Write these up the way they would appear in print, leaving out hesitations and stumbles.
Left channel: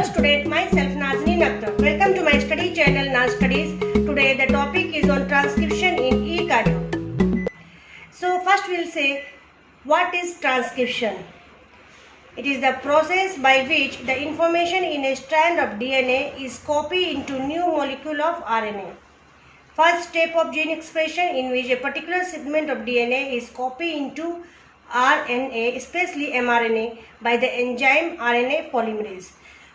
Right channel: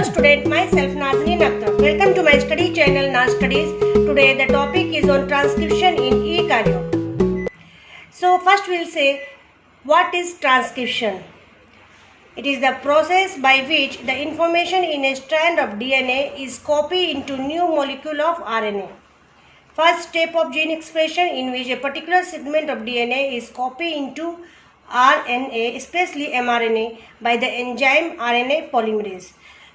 Hello student, myself Nazneen Akhtar. Welcome to my study channel Naz Studies. Today the topic is on transcription in eukaryote. So first we'll say what is transcription. It is the process by which the information in a strand of DNA is copied into new molecule of RNA. First step of gene expression in which a particular segment of DNA is copied into RNA, especially mRNA, by the enzyme RNA polymerase.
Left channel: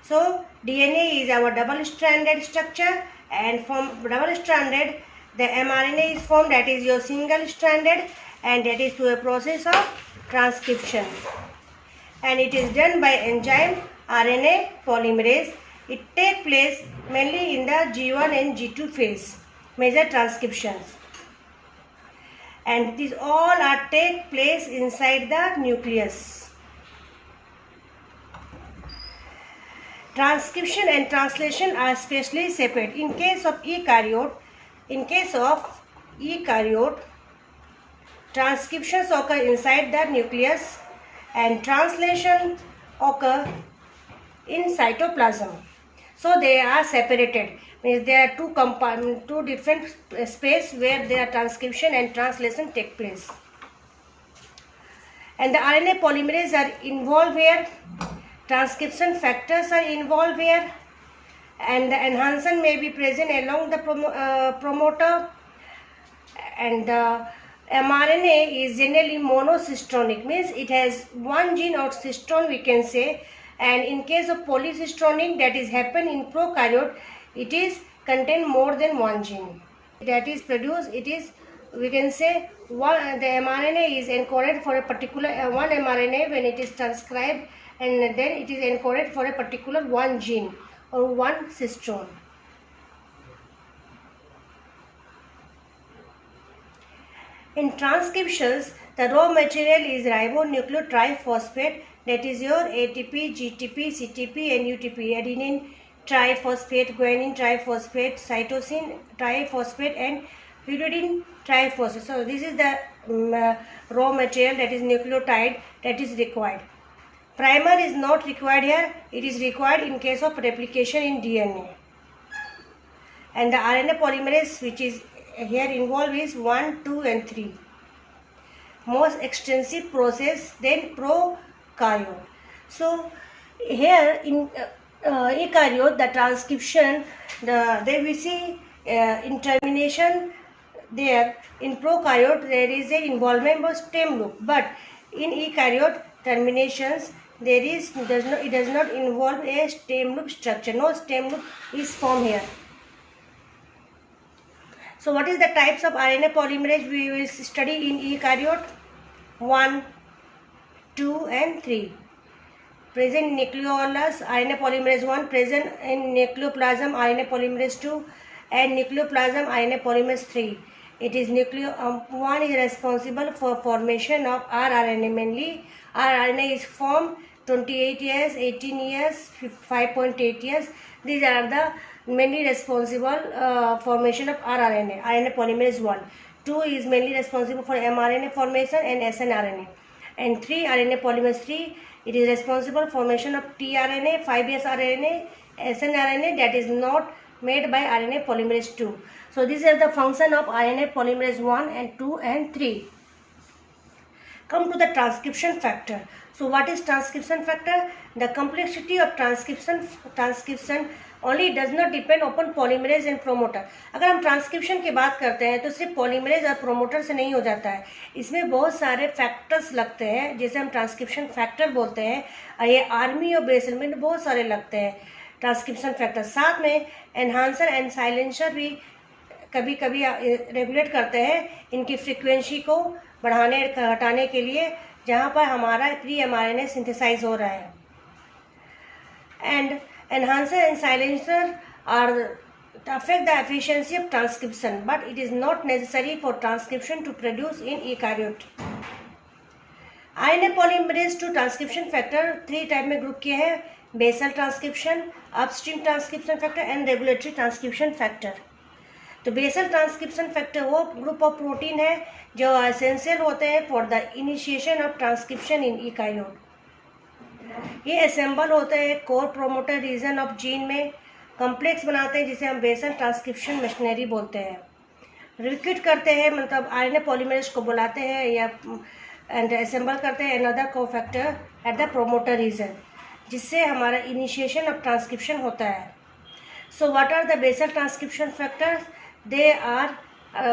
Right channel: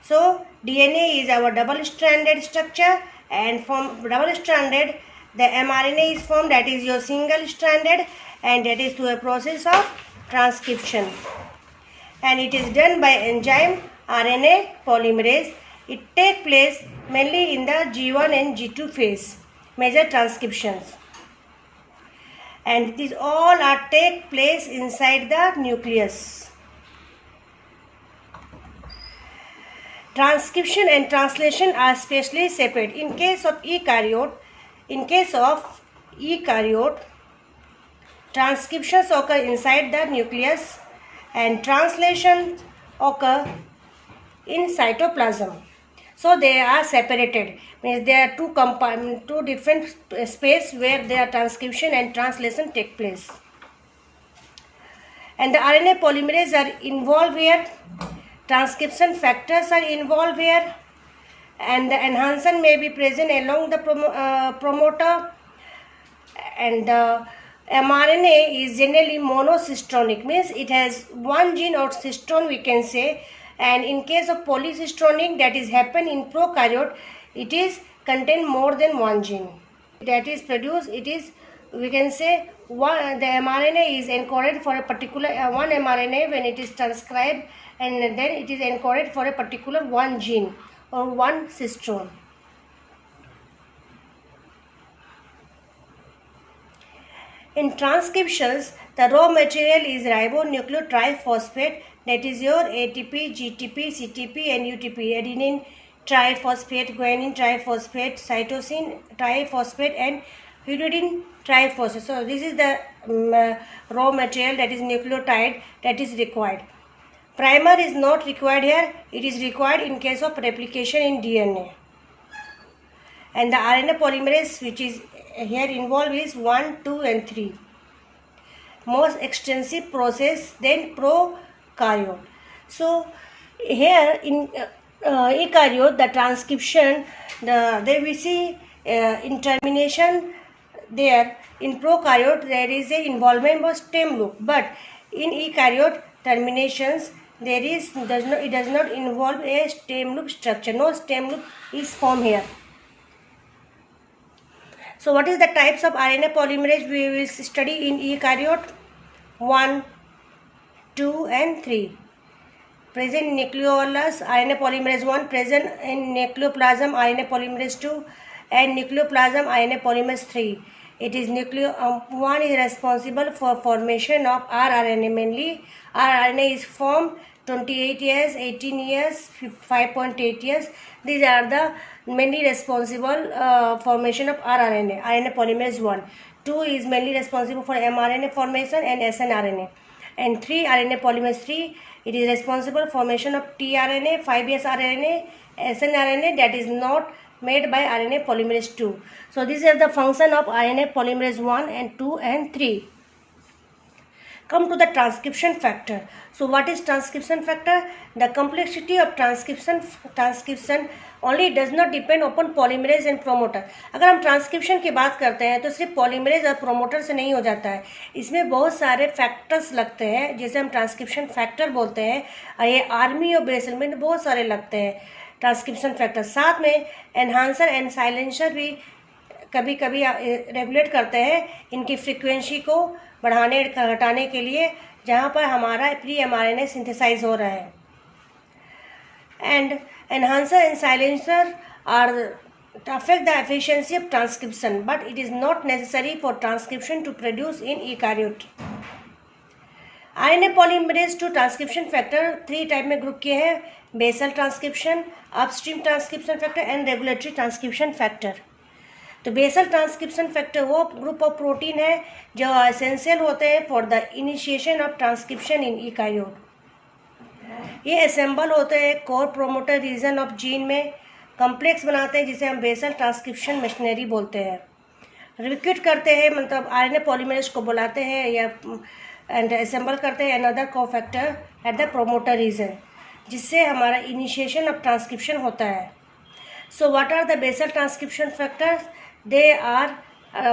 So DNA is our double-stranded structure, and from double-stranded, the mRNA is formed, that is your single-stranded, and that is through a process of transcription. And it is done by enzyme RNA polymerase. It takes place mainly in the G1 and G2 phase, major transcriptions. And these all are take place inside the nucleus. Transcription and translation are specially separate. In case of eukaryote, transcriptions occur inside the nucleus and translations occur in cytoplasm. So they are separated. Means there are two different space where their transcription and translation take place. And the RNA polymerase are involved here. Transcription factors are involved here, and the enhancer may be present along the promoter. And the mRNA is generally monocystonic, means it has one gene or cystone we can say. And in case of polycystonic, that is happen in prokaryote, it is contain more than one gene that is produced. It is, we can say, the mRNA is encoded for a particular one mRNA when it is transcribed, and then it is encoded for a particular one gene or one cystone. In transcriptions, the raw material is ribonucleotriphosphate, that is your ATP, GTP, CTP and UTP, adenine triphosphate, guanine triphosphate, cytosine triphosphate and pyridine triphosphate. So this is the raw material, that is nucleotide, that is required. Primer is not required here. It is required in case of replication in DNA. And the RNA polymerase which is here involved is 1, 2 and 3. Most extensive process than prokaryote. So here in eukaryote, the transcription, there we see in termination there. In prokaryote there is a involvement of stem loop, but in eukaryote terminations it does not involve a stem loop structure. No stem loop is formed here. So what is the types of RNA polymerase we will study in eukaryote? 1, 2 and 3. Present in nucleolus RNA polymerase 1, present in nucleoplasm RNA polymerase 2 and nucleoplasm RNA polymerase 3. It is 1 is responsible for formation of rRNA mainly. rRNA is formed 28 years, 18 years, 5.8 years. These are the mainly responsible formation of rRNA, RNA polymerase 1. 2 is mainly responsible for mRNA formation and snRNA. And 3, RNA polymerase 3, it is responsible formation of tRNA, 5S RNA, snRNA, that is not made by RNA polymerase 2. So this is the function of RNA polymerase 1 and 2 and 3. Come to the transcription factor. So what is transcription factor? The complexity of transcription only does not depend upon polymerase and promoter. अगर हम transcription की बात करते हैं तो सिर्फ polymerase और promoter से नहीं हो जाता है, इसमें बहुत सारे फैक्टर्स लगते हैं जिसे हम ट्रांसक्रिप्शन फैक्टर बोलते हैं, और ये आर्मी और बेसल में बहुत सारे लगते हैं ट्रांसक्रिप्शन फैक्टर. साथ में एनहांसर एंड साइलेंसर भी कभी कभी रेगुलेट करते हैं इनकी फ्रीक्वेंसी को बढ़ाने घटाने के लिए, जहाँ पर हमारा प्री mRNA सिंथेसाइज हो रहा है. And enhancer and silencer are affect the efficiency of transcription, but it is not necessary for transcription to produce in eukaryote. RNA polymerase 2 transcription factor 3 type में ग्रुप किए हैं: basal transcription, upstream transcription factor and regulatory transcription factor. तो basal transcription factor वो group of protein है जो essential होते हैं for the initiation of transcription in eukaryote. ये असेंबल होते हैं core promoter region of gene में, कम्प्लेक्स बनाते हैं जिसे हम बेसल ट्रांसक्रिप्शन मशीनरी बोलते हैं। रिक्रूट करते हैं मतलब आरएनए पॉलीमरेज को बुलाते हैं या एंड असेंबल करते हैं another cofactor at the promoter region, जिससे हमारा इनिशिएशन ऑफ ट्रांसक्रिप्शन होता है। So what are the basal transcription factors? They are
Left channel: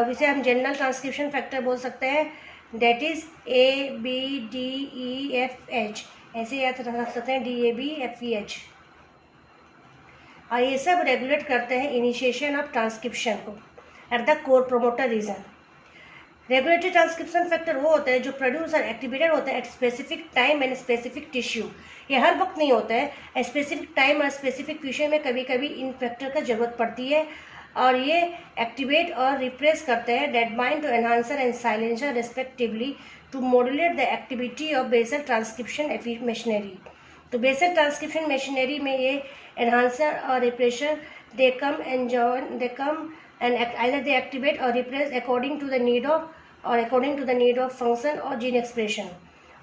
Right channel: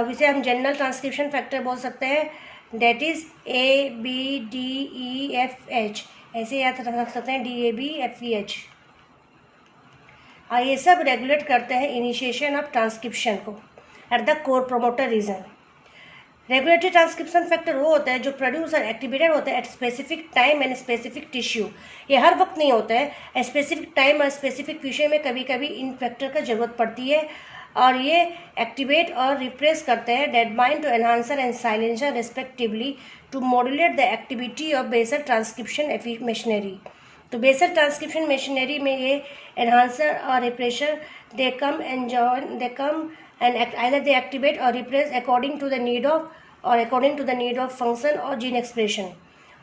जिसे हम जनरल ट्रांसक्रिप्शन फैक्टर बोल सकते हैं, डेट इज ABDEFH, ऐसे याद रख सकते हैं DABFEH। और ये सब रेगुलेट करते हैं इनिशिएशन ऑफ ट्रांसक्रिप्शन को at the core promoter reason. Regulatory transcription factor वो होता है जो प्रोड्यूस और एक्टिवेटेड होता है at specific time and specific tissue. ये हर वक्त नहीं होता है, स्पेसिफिक टाइम और स्पेसिफिक टिश्यू में कभी कभी इन फैक्टर का जरूरत पड़ती है, और ये एक्टिवेट और रिप्रेस करते हैं that bind to enhancer and silencer respectively to modulate the activity of basal transcription machinery. तो बेसल ट्रांसक्रिप्शन मशीनरी में ये एनहांसर और repressor they come and either they activate or repress according to the need of function or gene expression।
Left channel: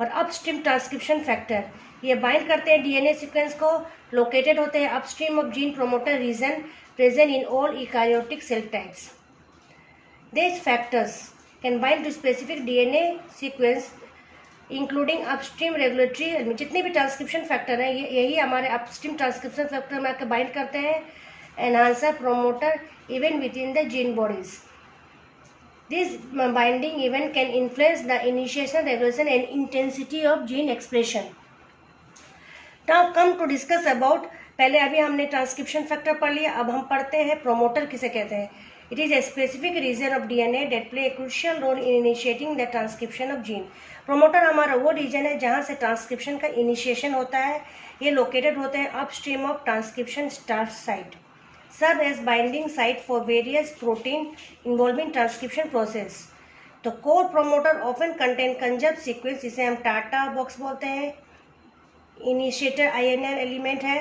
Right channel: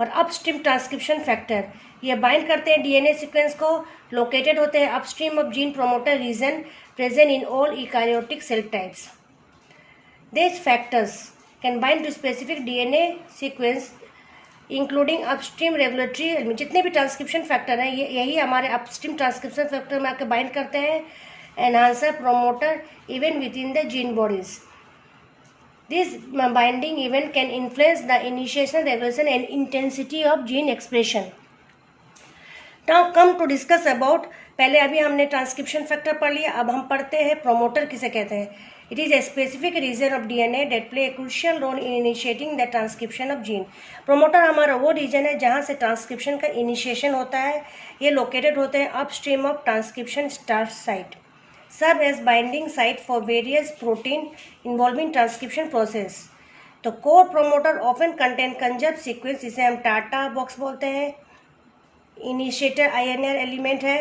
और upstream transcription factor ये bind करते हैं DNA sequence को, located होते हैं upstream of gene promoter region present in all eukaryotic cell types. These factors can bind to specific DNA sequence including upstream regulatory. जितने भी transcription factor हैं यही हमारे अपस्ट्रीम ट्रांसक्रिप्शन फैक्टर में आकर बाइंड करते हैं enhancer promoter even within the gene bodies। This binding event can influence the initiation, regulation and intensity of gene expression। Now come to discuss about, पहले अभी हमने ट्रांसक्रिप्शन फैक्टर पढ़ लिया, अब हम पढ़ते हैं प्रोमोटर किसे कहते हैं। It is a specific region of DNA that play a crucial role in initiating the transcription of gene. Promoter हमारा वो रीजन है जहाँ से ट्रांसक्रिप्शन का इनिशिएशन होता है। ये लोकेटेड होते हैं upstream of transcription start site, serve as binding site for various protein involving transcription process। तो core promoter often contain conjugate sequence जिसे हम टाटा बॉक्स बोलते हैं, initiator INR एलिमेंट है,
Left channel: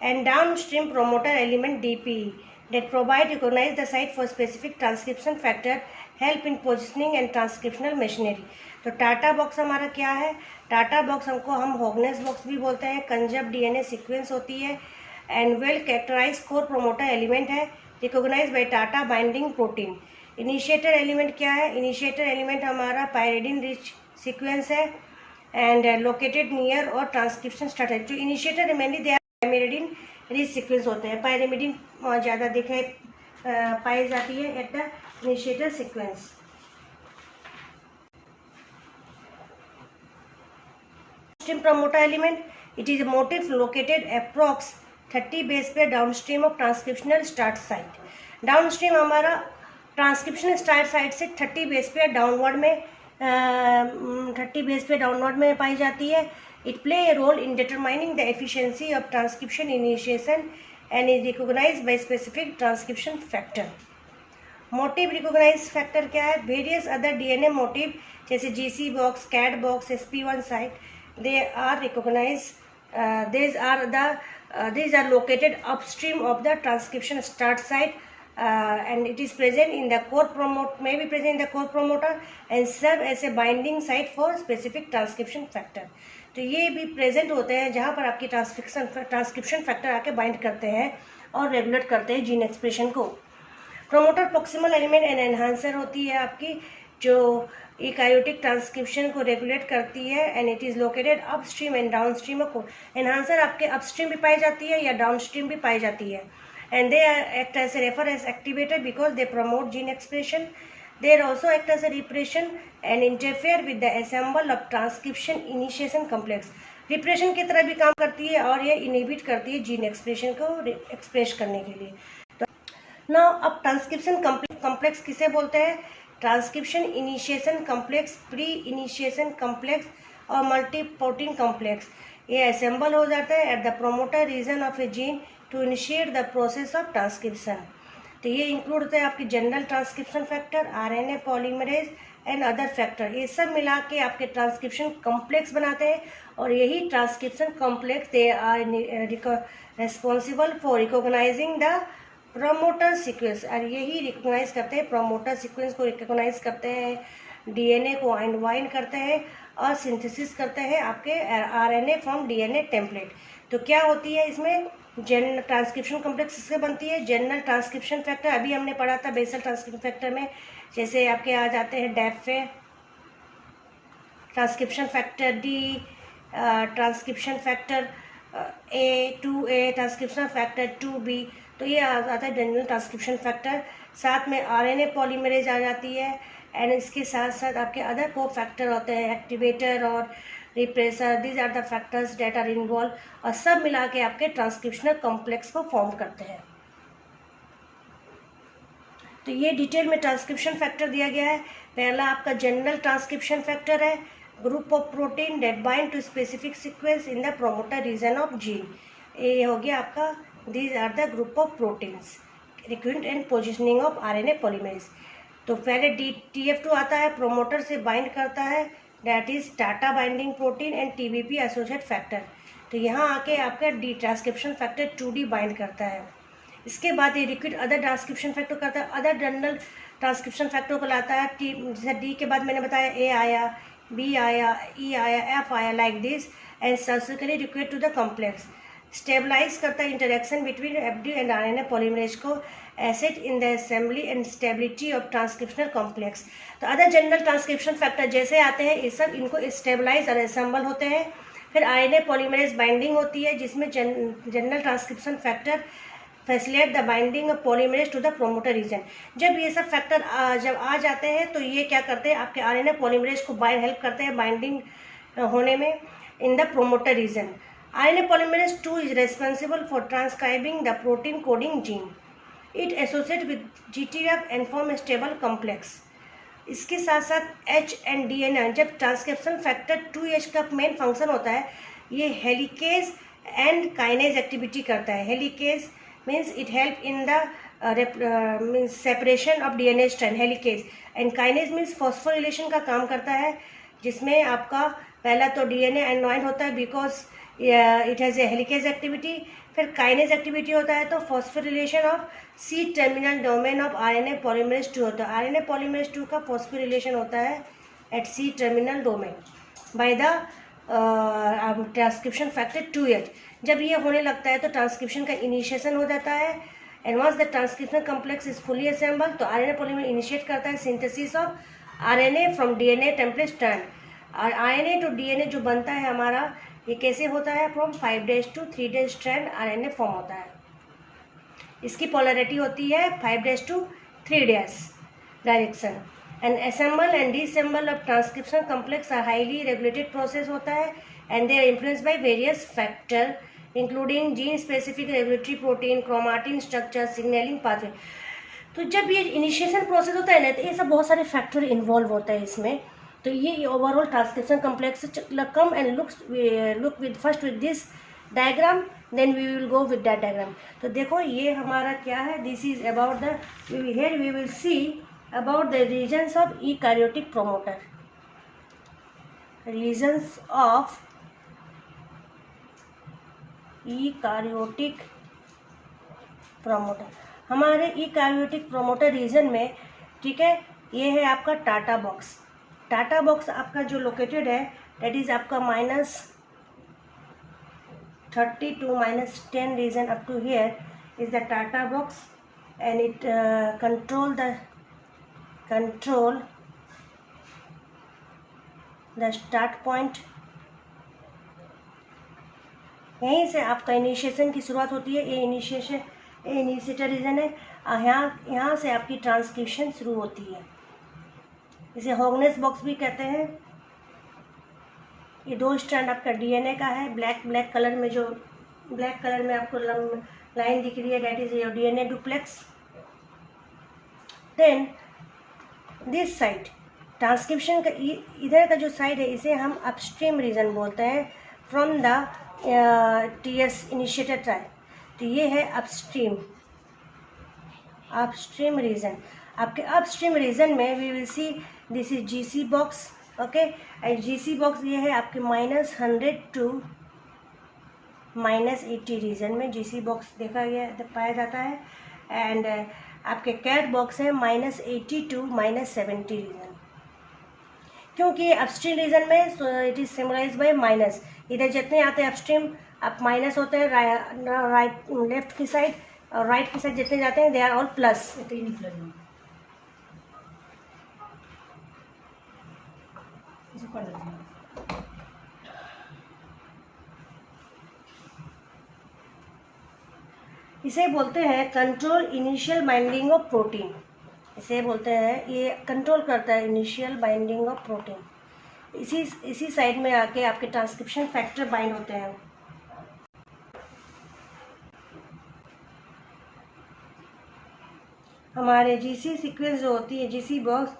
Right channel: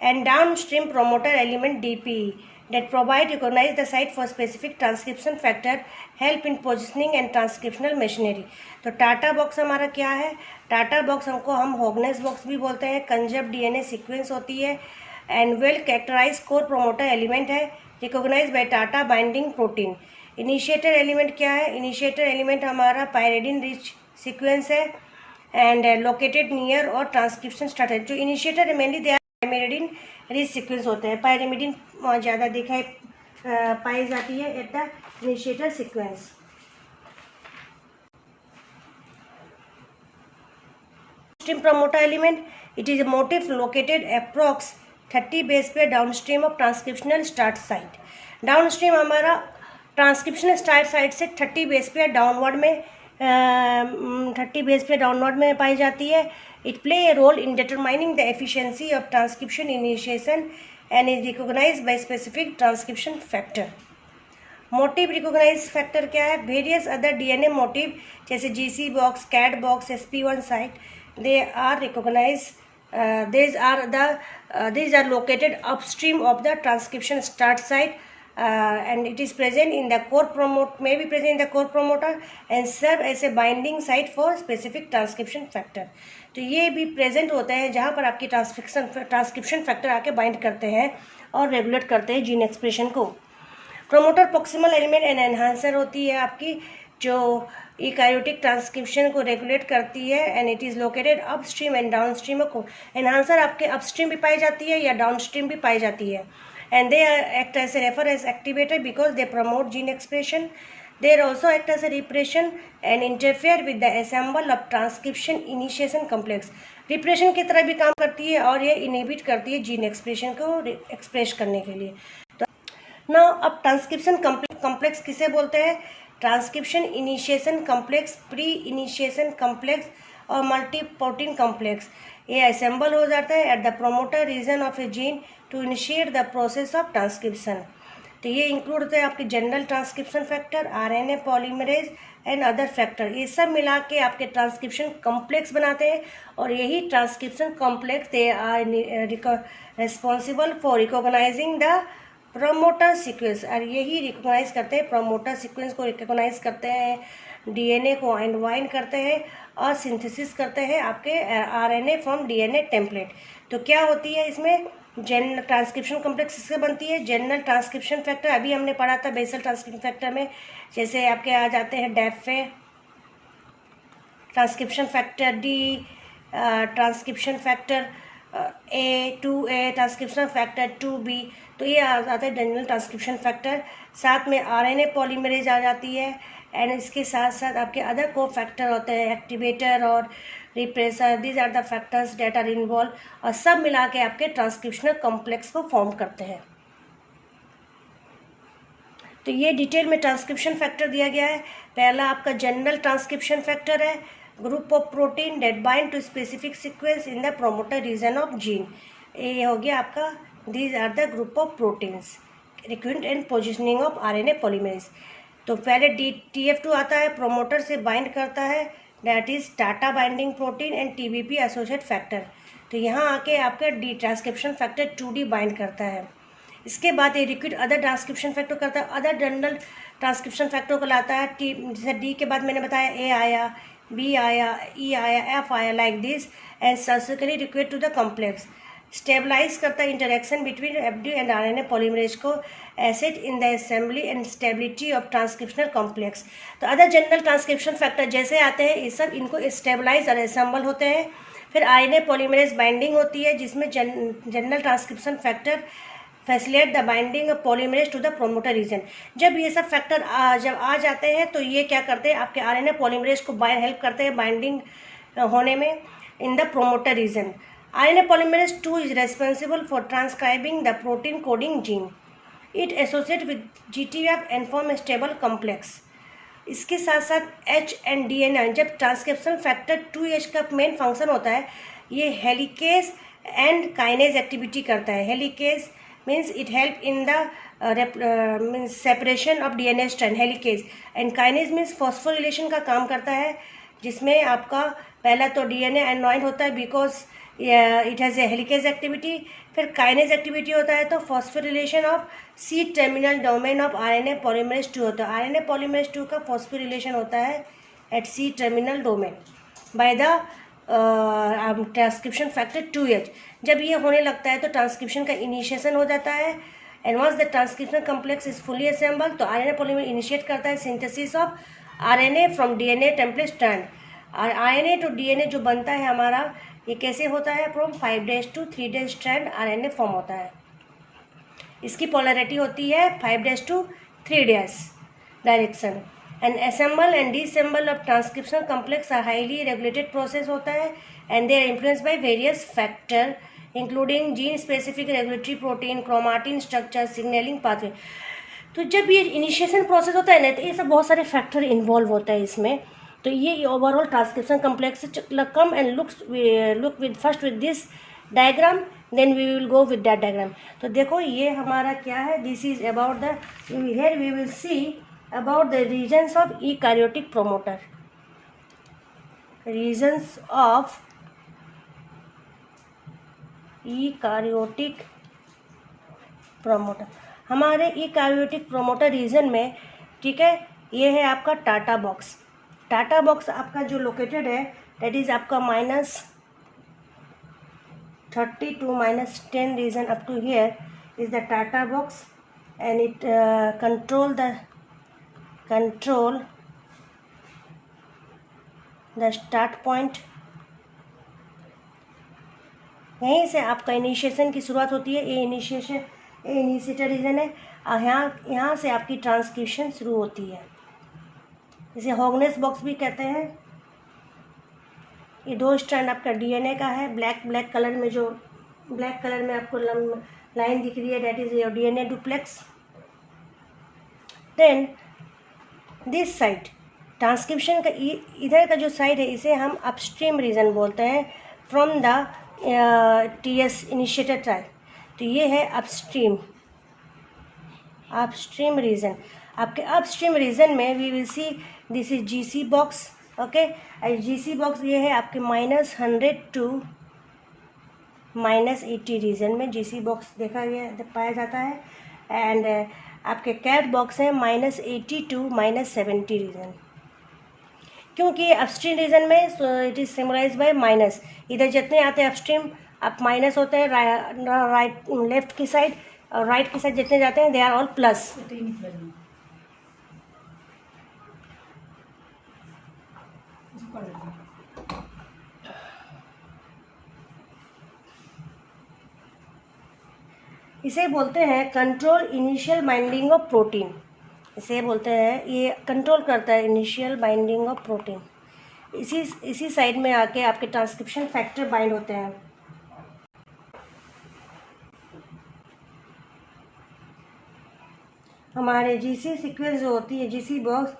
and downstream promoter element DPE that provide recognize the site for specific transcription factor, help in positioning and transcriptional machinery। तो TATA box हमारा क्या है? TATA box हमको हम होगनेस बॉक्स भी बोलते हैं, कंजप्ट डीएनए सीक्वेंस होती है and well characterize core promoter element है, recognize by TATA binding protein. Initiator element क्या है? इनिशिएटर एलिमेंट हमारा पायरिडिन रिच सीक्वेंस है एंड लोकेटेड नियर और ट्रांसक्रिप्शन स्टार्ट। जो initiator mainly they pyridine rich sequence होते हैं, पायरिमिडिन वहाँ ज़्यादा दिखाई पाई जाती है at the initiator sequence. Downstream promoter element, it is a motif located approx 30 base pair downstream of transcriptional start site। Downstream हमारा ट्रांसक्रिप्शनल स्टार्ट साइट से 30 बेस पेयर डाउनवर्ड में पाई जाती है। It play a role in determining the efficiency of transcription initiation and is recognized by specific transcription factor. Motif recognize factor क्या है? Various other DNA motif जैसे GC box, cat box, SP1 site, they are recognized these are located upstream of the transcription start site and it is present in the core promoter and serve as a binding site for specific transcription factor। तो ये भी present होते हैं जहाँ पर आपकी transcription factor आके bind करते हैं और रेगुलेट करते हैं जीन एक्सप्रेशन को। Promoter proximal element and enhancer होती है आपकी, जो यूकैरियोटिक ट्रांसक्रिप्शन को रेगुलेट करती है and it is located upstream and downstream को। एनहांसर आपके अपस्ट्रीम भी पाई जाती है या डाउनस्ट्रीम भी पाई जाती है and they act as a refer as activator because they promote gene expression. They also act as a repression and interfere with the assemble of transcription initiation complex. Repression की तरह भी काम करती है और ये इनहिबिट करती है जीन एक्सप्रेशन को एक्सप्रेस करने के लिए। तो ना अब ट्रांसक्रिप्शन कॉम्प्लेक्स किसे बोलते हैं? Transcription initiation complex, pre initiation complex और मल्टी प्रोटीन कॉम्प्लेक्स। ये असेंबल हो जाता है at the promoter region of a gene to initiate the process of transcription. तो ये इंक्लूड होते हैं आपके general transcription factor, RNA polymerase and other factor. ये सब मिला के आपके ट्रांसक्रिप्शन कॉम्प्लेक्स बनाते हैं और यही transcription complex they are responsible for recognizing the promoter sequence. और यही रिकॉग्नाइज करते हैं, प्रोमोटर सीक्वेंस को रिकॉग्नाइज करते हैं डीएनए को अनवाइंड करते हैं और सिंथेसिस करते हैं आपके आरएनए फ्रॉम डीएनए टेम्पलेट। तो क्या होती है इसमें, जनरल ट्रांसक्रिप्शन कॉम्प्लेक्स इससे बनती है। जनरल ट्रांसक्रिप्शन फैक्टर अभी हमने पढ़ा था बेसल ट्रांसक्रिप्शन फैक्टर में, जैसे आपके आ जाते हैं डैफे, transcription factor D, transcription factor A, 2A, transcription factor 2B। तो ये आ जाता है जनरल ट्रांसक्रिप्शन फैक्टर। साथ में आरएनए पॉलीमरेज आ जाती है, एंड इसके साथ साथ आपके अदर को फैक्टर होते हैं, एक्टिवेटर और repressor. These are the factors that are involve, और सब मिला के आपके ट्रांसक्रिप्शनल कॉम्प्लेक्स को फॉर्म करते हैं। तो ये डिटेल में ट्रांसक्रिप्शन फैक्टर दिया गया है। पहला आपका जनरल ट्रांसक्रिप्शन फैक्टर है, group of protein that bind to specific sequence in the promoter region of gene. ये हो गया आपका, these are the group of proteins recruitment and positioning of RNA polymerase. तो पहले TF2 आता है, प्रोमोटर से बाइंड करता है, that is Tata binding protein and TBP associate factor. तो यहाँ आके आपका ट्रांसक्रिप्शन फैक्टर 2D बाइंड करता है। इसके बाद ये रिक्विट अदर ट्रांसक्रिप्शन फैक्टर करता है, अदर जनरल ट्रांसक्रिप्शन फैक्टर को लाता है। जैसे D के बाद मैंने बताया A आया, B आया, E आया, F आया, like this, and subsequently recruit to the complex. Stabilize करता है interaction between FD and RNA polymerase को, assist in the assembly and stability of transcriptional complex. तो अदर जनरल ट्रांसक्रिप्शन फैक्टर जैसे आते हैं, ये सब इनको स्टेबलाइज और असेंबल होते हैं। फिर आरएनए पॉलीमरेज बाइंडिंग होती है, जिसमें general transcription factor facilitate the binding of polymerase to the promoter region. जब ये सब फैक्टर जब आ जाते हैं तो ये क्या करते हैं, आपके आरएनए पॉलीमरेज को हेल्प करते हैं बाइंडिंग होने में इन the promoter reason. RNA polymerase 2 is responsible for transcribing the protein coding gene. It associates with GTF and form a stable complex. इसके साथ साथ H and DNA, जब ट्रांसक्रिप्शन फैक्टर 2H का मेन फंक्शन होता है, ये हेलिकेज एंड काइनेज एक्टिविटी करता है। Helicase means it help in the separation of DNA strand, helicase, and kinase means phosphorylation का काम करता है, जिसमें आपका पहला तो DNA अनवाइंड होता है because it has a helicase activity. फिर काइनेज एक्टिविटी होता है तो phosphorylation of C terminal domain of RNA polymerase 2 होता है। RNA पॉलीमरेज 2 का फॉस्फोरिलेशन होता है at C terminal domain by the transcription factor 2H। जब ये होने लगता है तो ट्रांसक्रिप्शन का इनिशिएशन हो जाता है, and once the transcription complex is fully assemble, तो RNA पॉलीमरेज इनिशिएट करता है synthesis of RNA from DNA template strand. RNA to DNA जो बनता है हमारा, ये कैसे होता है, from 5' to 3' strand RNA form होता है। इसकी पोलैरिटी होती है 5' to 3' direction. And assemble and disassemble of transcription complex are highly regulated process होता है, and they are influenced by various factor including gene specific regulatory protein, chromatin structure, signalling pathway. तो जब ये इनिशिएशन प्रोसेस होता है ना, तो ये सब बहुत सारे फैक्टर इन्वॉल्व होता है इसमें। तो ये overall transcription complex come and look with first with this diagram, then we will go with that diagram. तो देखो ये हमारा क्या है, this is about the, here we will see about the regions of eukaryotic promoter, regions of eukaryotic promoter. हमारे eukaryotic promoter region में, ठीक है, ये है आपका टाटा बॉक्स। टाटा बॉक्स आपका जो लोकेटेड है, दैट इज आपका -30 to -10 region up to here is the TATA box, and it control the start point. यहीं से आपका इनिशिएशन की शुरुआत होती है। ये इनिशिएटर रीजन है, यहाँ से आपकी ट्रांसक्रिप्शन शुरू होती है, इसे हॉगनेस बॉक्स भी कहते हैं। ये 2 स्ट्रैंड आपका DNA का है, ब्लैक कलर में, जो ब्लैक कलर में आपको लाइन दिख रही है, that is your DNA duplex. Then this side transcription का इधर का जो साइड है, इसे हम अपस्ट्रीम रीजन बोलते हैं from the TS initiator trial. तो ये है अपस्ट्रीम रीजन। आपके अपस्ट्रीम रीजन में we will see this is GC box, okay. GC box ये है आपके -100 to -80 रीजन में GC बॉक्स पाया जाता है, एंड आपके कैट बॉक्स है -80 to -70 रीजन। क्योंकि अपस्ट्रीम रीजन में it is symbolize by minus, इधर जितने आते हैं अपस्ट्रीम अब माइनस होते हैं, राइट लेफ्ट की साइड और राइट की साइड जितने जाते हैं दे आर ऑल प्लस। इसे बोलते हैं control initial binding of protein, इसे बोलते हैं ये कंट्रोल करता है इनिशियल बाइंडिंग ऑफ प्रोटीन। इसी साइड में आके आपके ट्रांसक्रिप्शन फैक्टर बाइंड होते हैं। हमारे जीसी सीक्वेंस जो होती है, जीसी बॉक्स,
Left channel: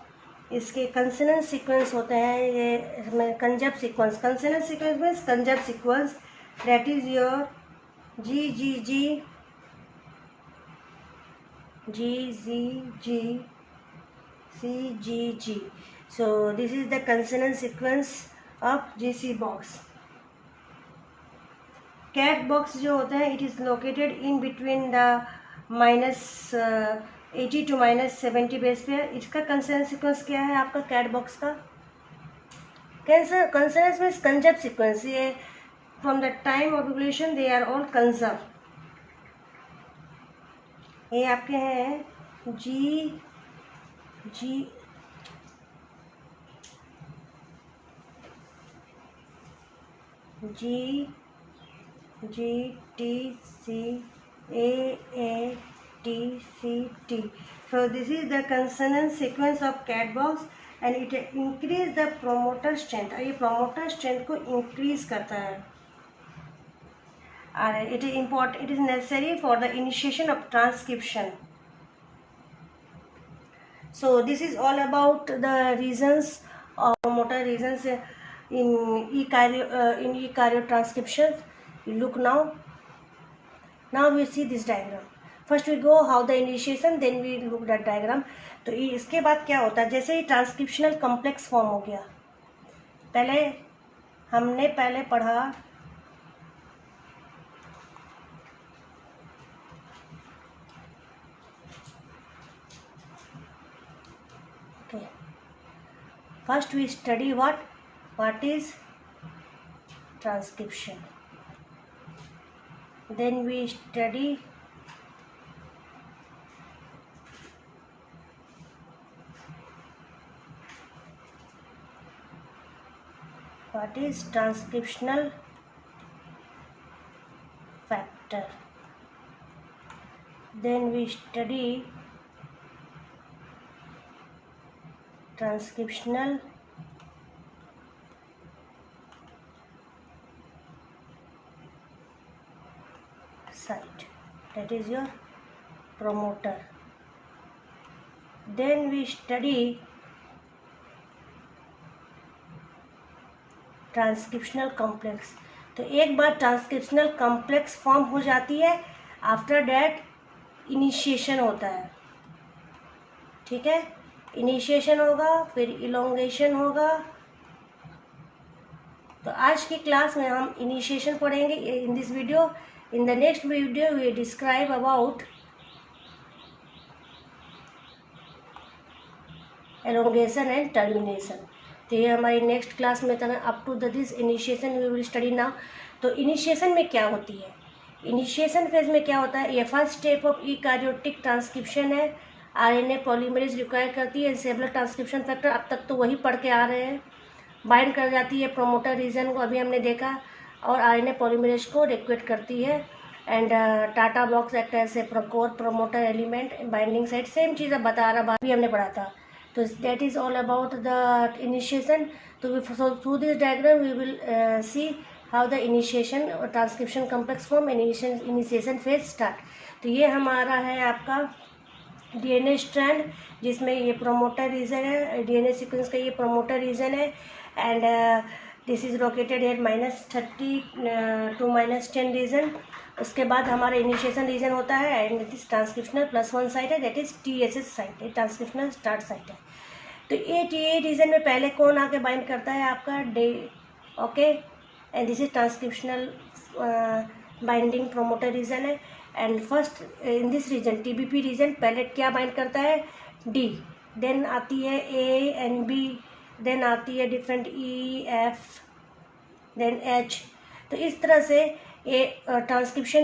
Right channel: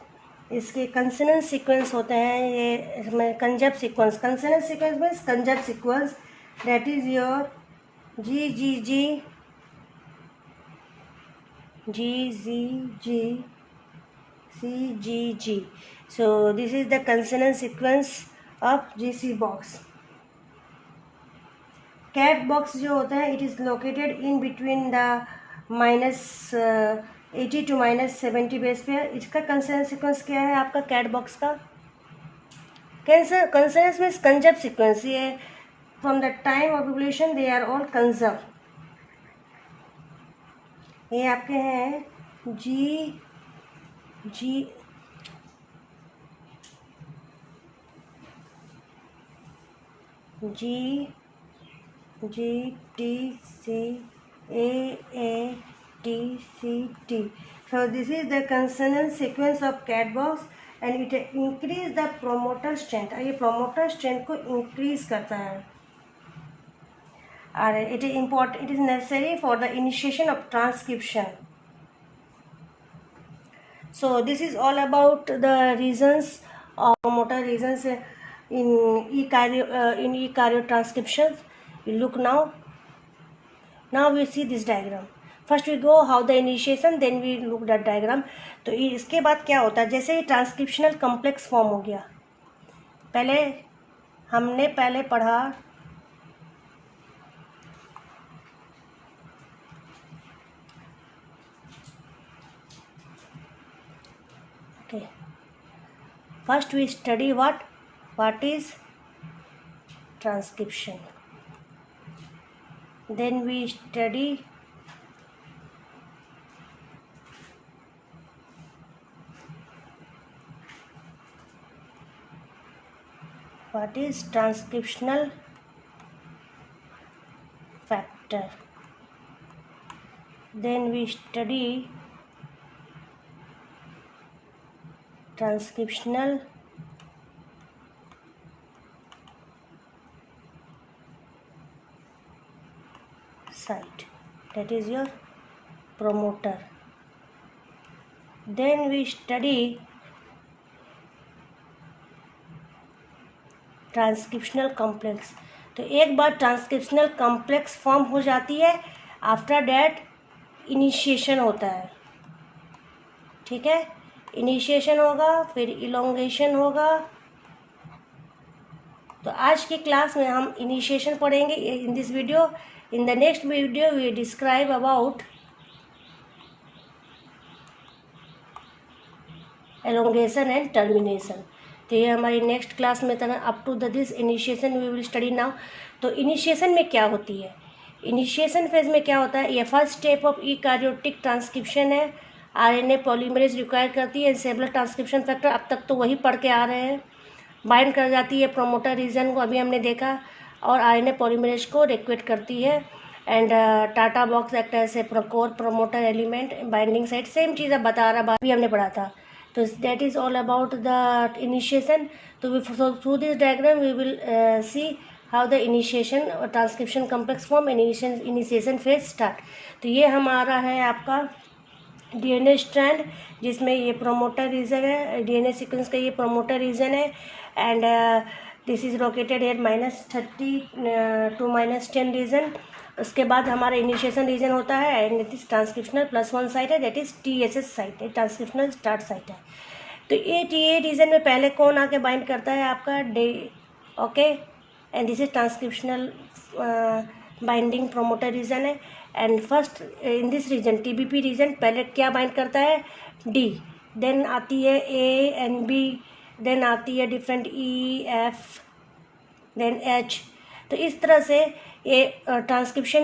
इसके कंसोनेंट सीक्वेंस होते हैं, ये concept sequence, consonant sequence means concept sequence, that is your G G G G Z G C G G. So this is the consonant sequence of GC box. Cat box जो होता है it is located in between the -80 to -70 base पे। इसका consonant sequence क्या है आपका cat box का? Consonant means conjugate sequence, ये from the time of evolution they are all conserved। ये आपके हैं G G G G T C A T C T. So this is the consonant sequence of cat box and it increase the promoter strength, ये promoter strength को increase करता है। It is important, it is necessary for the initiation of transcription. So this is all about the reasons of promoter reasons in eukaryote transcriptions. We look now we see this diagram. First we go how the initiation, then we look that diagram. तो इसके बाद क्या होता है, जैसे ही transcriptional complex form हो गया, हमने पहले पढ़ा first we study what is transcription, then we study what is transcriptional factor, then we study transcriptional site, that is your promoter, then we study transcriptional complex. तो एक बार ट्रांसक्रिप्शनल कॉम्प्लेक्स फॉर्म हो जाती है, आफ्टर डैट इनिशिएशन होता है, ठीक है, initiation होगा फिर इलोंगेशन होगा। तो आज की क्लास में हम इनिशिएशन पढ़ेंगे in this video. In the next video we describe about elongation and termination. तो ये हमारी नेक्स्ट क्लास में था। Up to this initiation we will study now. तो इनिशिएशन में क्या होती है, इनिशिएशन फेज में क्या होता है, ये first step of eukaryotic transcription है। आरएनए पॉलीमरेज रिक्वायर करती है सेवरल ट्रांसक्रिप्शन फैक्टर, अब तक तो वही पढ़ के आ रहे हैं। बाइंड कर जाती है प्रोमोटर रीजन को, अभी हमने देखा, और आरएनए पॉलीमरेज को रिक्वेट करती है। And TATA box act as a core promoter element binding site, same चीज़ अब बता रहा, भी हमने पढ़ा था। तो that is all about the initiation. तो through this diagram we will see how the initiation और transcription complex form and initiation phase start. तो ये हमारा है आपका डीएनए स्ट्रैंड, जिसमें ये प्रोमोटर रीजन है, डीएनए सीक्वेंस का ये प्रोमोटर रीजन है। And this is located at -30 to -10 region. उसके बाद हमारा इनिशिएशन रीजन होता है and it is transcriptional +1 site है, दैट इज TSS साइट है, ट्रांसक्रिप्शनल स्टार्ट साइट है। तो ये TA रीजन में पहले कौन आके बाइंड करता है, आपका D, okay, and this is transcriptional binding promoter region है। And first in this region TBP region पहले क्या बाइंड करता है, D, देन आती है A एंड B देन आती है different E F then H. तो इस तरह से ये ट्रांसक्रिप्शन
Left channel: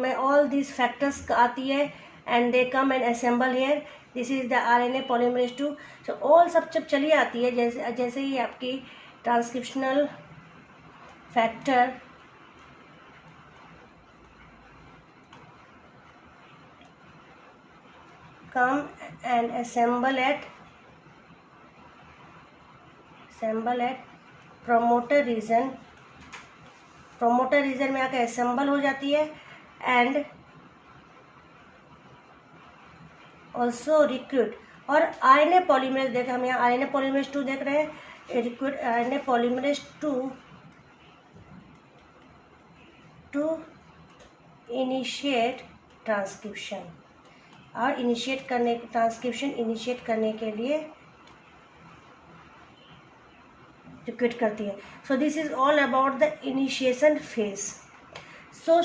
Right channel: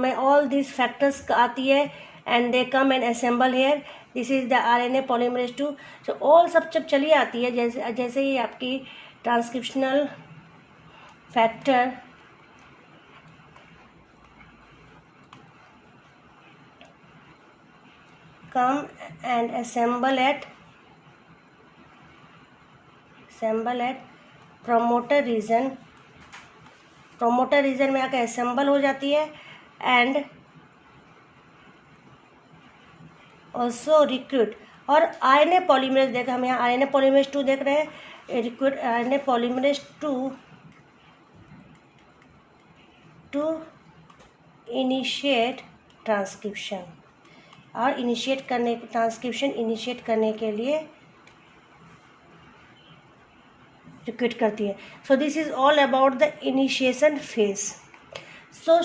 में ऑल दिस फैक्टर्स आती है and they come and assemble here. This is the RNA polymerase 2। So all सब जब चली आती है, जैसे ही आपकी transcriptional factor come and assemble at promoter region में आकर assemble हो जाती है and also recruit। और RNA polymerase देखा हम यहाँ RNA polymerase 2 देख रहे हैं, recruit RNA polymerase 2 to initiate transcription, और ट्रांसक्रिप्शन इनिशिएट करने के लिए रिक्रूट करती है। So this is all about the initiation phase. So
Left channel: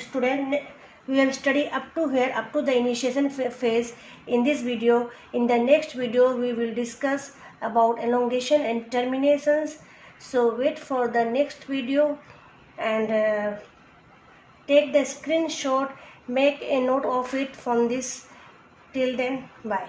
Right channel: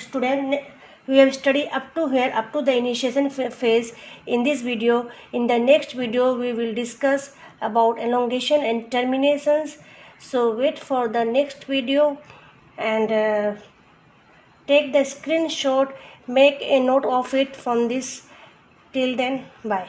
student, we have studied up to here, up to the initiation phase in this video. In the next video we will discuss about elongation and terminations. So wait for the next video and take the screenshot, make a note of it from this. Till then, bye.